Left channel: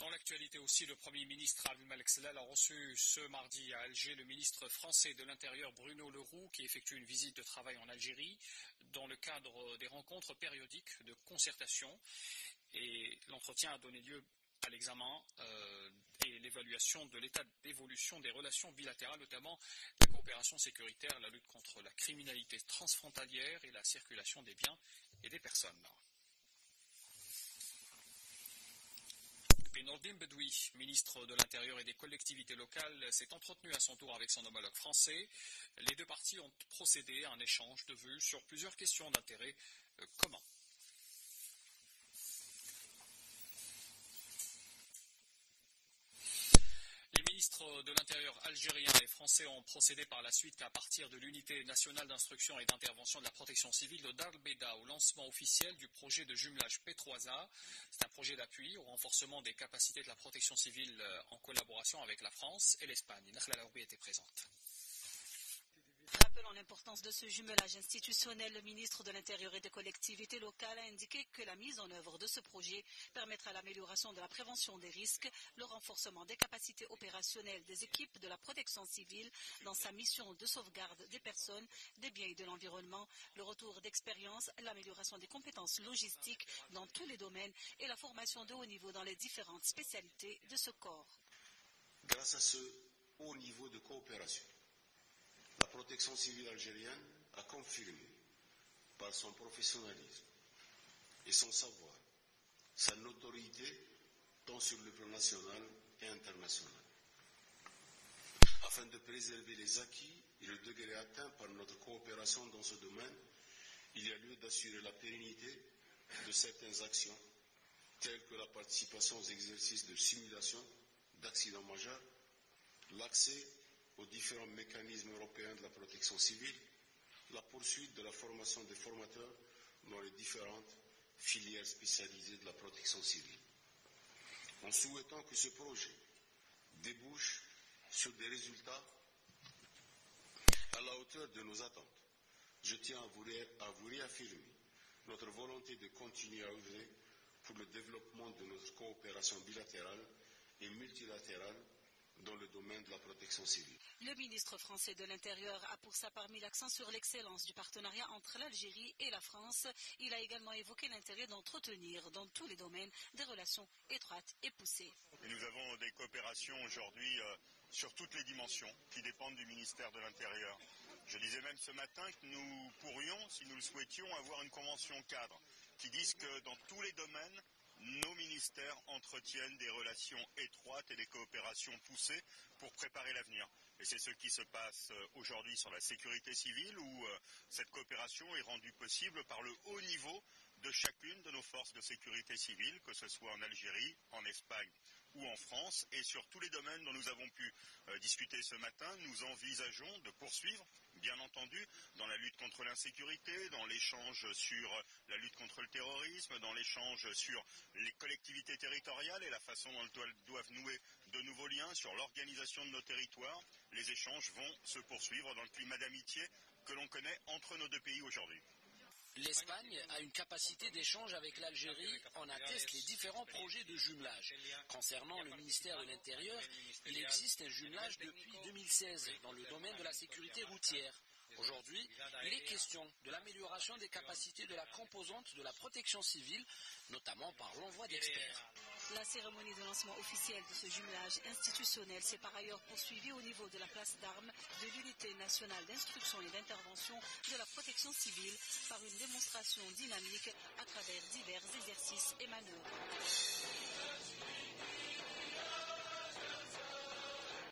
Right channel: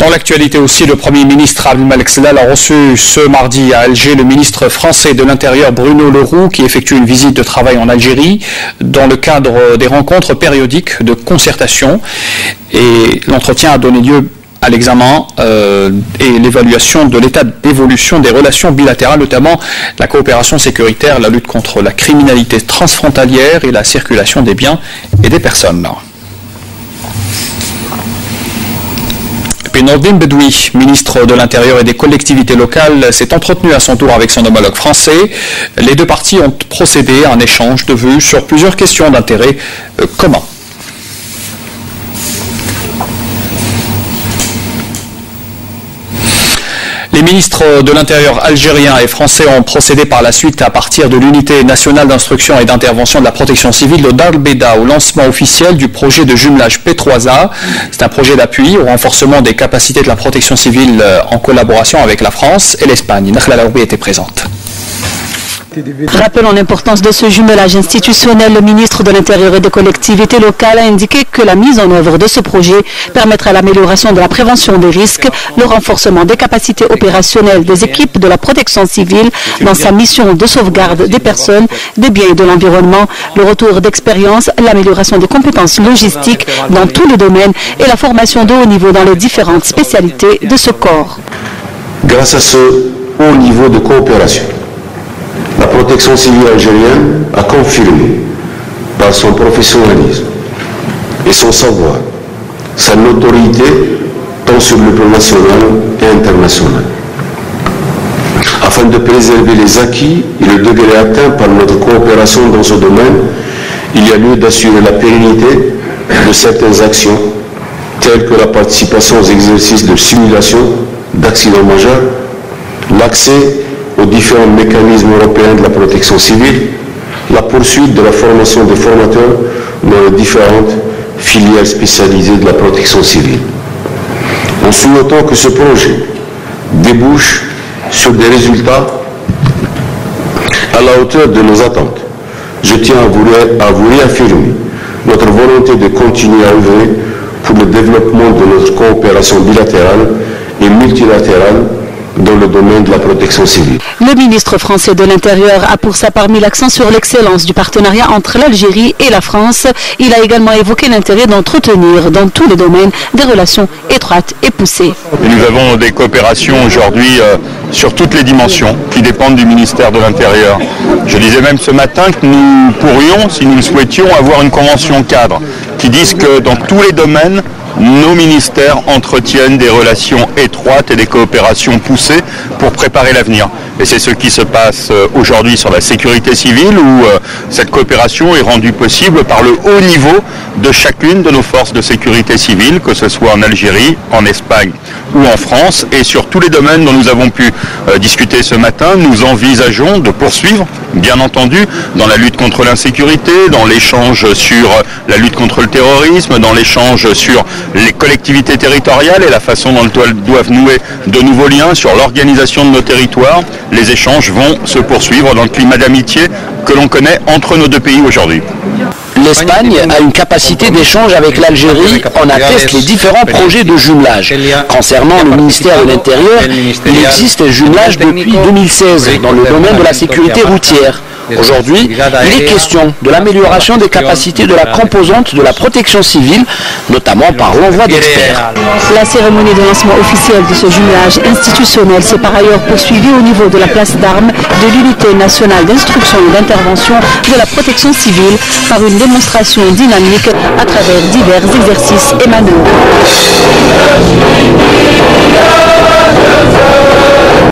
Dans l'actualité aussi, le Premier ministre Abdelmalek Sedal a reçu ce mardi à Alger le ministre français de l'Intérieur Bruno Le Roux qui effectue une visite de travail en Algérie dans le cadre des rencontres périodiques de concertation. Et l'entretien a donné lieu à l'examen et l'évaluation de l'état d'évolution des relations bilatérales, notamment la coopération sécuritaire, la lutte contre la criminalité transfrontalière et la circulation des biens et des personnes. Puis Nordine Bedoui, ministre de l'Intérieur et des collectivités locales, s'est entretenu à son tour avec son homologue français. Les deux parties ont procédé à un échange de vues sur plusieurs questions d'intérêt commun. Les ministres de l'Intérieur algériens et français ont procédé par la suite, à partir de l'unité nationale d'instruction et d'intervention de la protection civile de Dar el Beida, au lancement officiel du projet de jumelage P3A. C'est un projet d'appui au renforcement des capacités de la protection civile en collaboration avec la France et l'Espagne. Nakhla Laoubi était présente. Rappelant l'importance de ce jumelage institutionnel, le ministre de l'Intérieur et des collectivités locales a indiqué que la mise en œuvre de ce projet permettra l'amélioration de la prévention des risques, le renforcement des capacités opérationnelles des équipes de la protection civile dans sa mission de sauvegarde des personnes, des biens et de l'environnement, le retour d'expérience, l'amélioration des compétences logistiques dans tous les domaines et la formation de haut niveau dans les différentes spécialités de ce corps. Grâce à ce haut niveau de coopération, la protection civile algérienne a confirmé par son professionnalisme et son savoir sa notoriété tant sur le plan national et international. Afin de préserver les acquis et le degré atteint par notre coopération dans ce domaine, il y a lieu d'assurer la pérennité de certaines actions telles que la participation aux exercices de simulation d'accidents majeurs, l'accès aux différents mécanismes européens de la protection civile, la poursuite de la formation des formateurs dans les différentes filières spécialisées de la protection civile. En souhaitant que ce projet débouche sur des résultats à la hauteur de nos attentes, je tiens à vous réaffirmer notre volonté de continuer à œuvrer pour le développement de notre coopération bilatérale et multilatérale dans le domaine de la protection civile. Le ministre français de l'Intérieur a pour sa part mis l'accent sur l'excellence du partenariat entre l'Algérie et la France. Il a également évoqué l'intérêt d'entretenir dans tous les domaines des relations étroites et poussées. Nous avons des coopérations aujourd'hui sur toutes les dimensions qui dépendent du ministère de l'Intérieur. Je disais même ce matin que nous pourrions, si nous le souhaitions, avoir une convention cadre qui dise que dans tous les domaines, nos ministères entretiennent des relations étroites et des coopérations poussées pour préparer l'avenir. Et c'est ce qui se passe aujourd'hui sur la sécurité civile où cette coopération est rendue possible par le haut niveau de chacune de nos forces de sécurité civile, que ce soit en Algérie, en Espagne ou en France. Et sur tous les domaines dont nous avons pu discuter ce matin, nous envisageons de poursuivre, bien entendu, dans la lutte contre l'insécurité, dans l'échange sur la lutte contre le terrorisme, dans l'échange sur les collectivités territoriales et la façon dont elles doivent nouer de nouveaux liens sur l'organisation de nos territoires. Les échanges vont se poursuivre dans le climat d'amitié que l'on connaît entre nos deux pays aujourd'hui. L'Espagne a une capacité d'échange avec l'Algérie, en attestent les différents projets de jumelage. Concernant le ministère de l'Intérieur, il existe un jumelage depuis 2016 dans le domaine de la sécurité routière. Aujourd'hui, il est question de l'amélioration des capacités de la composante de la protection civile, notamment par l'envoi d'experts. La cérémonie de lancement officiel de ce jumelage institutionnel s'est par ailleurs poursuivie au niveau de la place d'armes de l'unité nationale d'instruction et d'intervention de la protection civile par une démonstration dynamique à travers divers exercices et manœuvres.